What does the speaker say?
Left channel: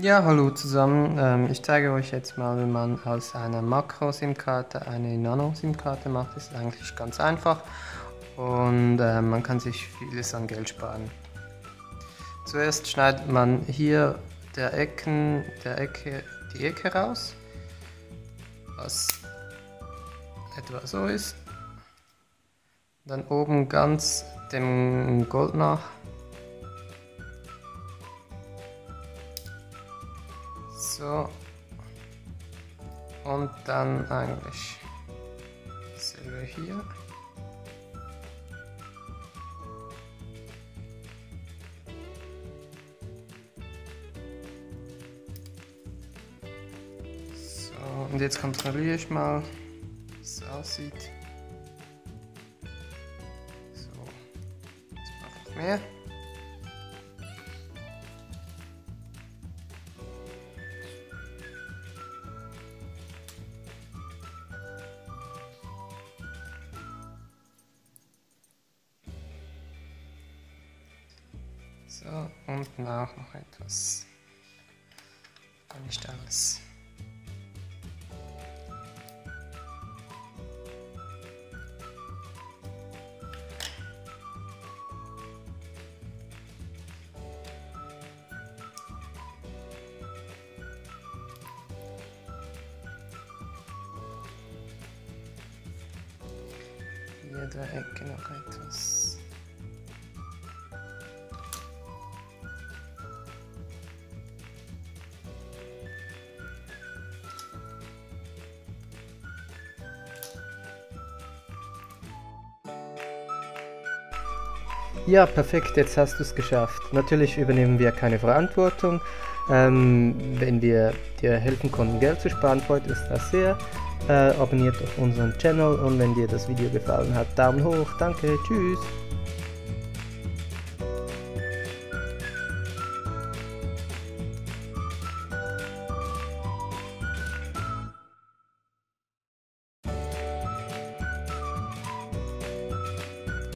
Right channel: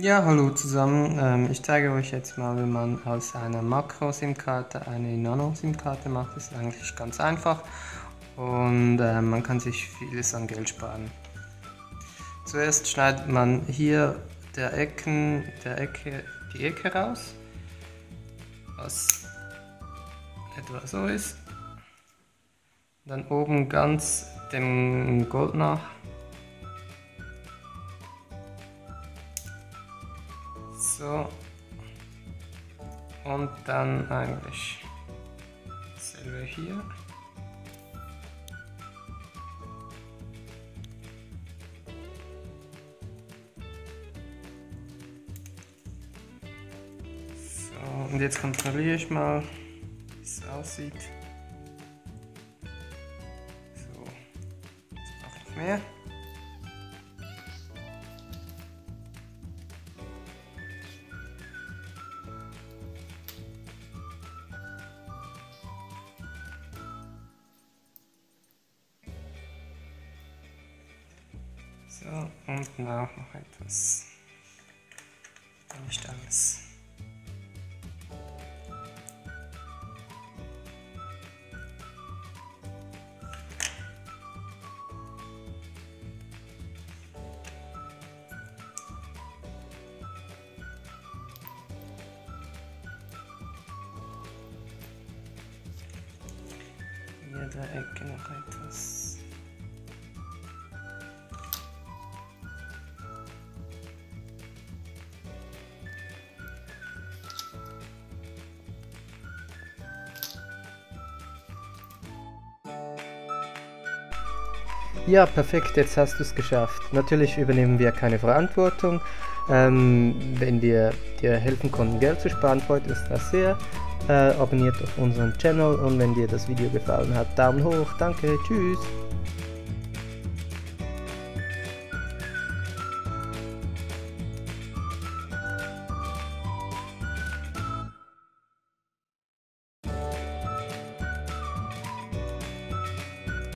Ja, hallo zusammen. Ich zeige euch jetzt mal, wie man aus einer Makro-SIM-Karte eine Nano-SIM-Karte macht. Das ist eigentlich ganz einfach und man kann sich vieles an Geld sparen. Zuerst schneidet man hier die Ecke raus, was etwa so ist. Dann oben ganz dem Gold nach. So, und dann eigentlich dasselbe hier. So, und jetzt kontrolliere ich mal, wie es aussieht. So, jetzt brauche ich mehr. Und noch etwas. Nicht alles. Hier der Ecke noch etwas. Ja, perfekt, jetzt hast du es geschafft. Natürlich übernehmen wir keine Verantwortung. Wenn wir dir helfen konnten, Geld zu sparen, freut uns das sehr. Abonniert doch unseren Channel und wenn dir das Video gefallen hat, Daumen hoch. Danke, tschüss.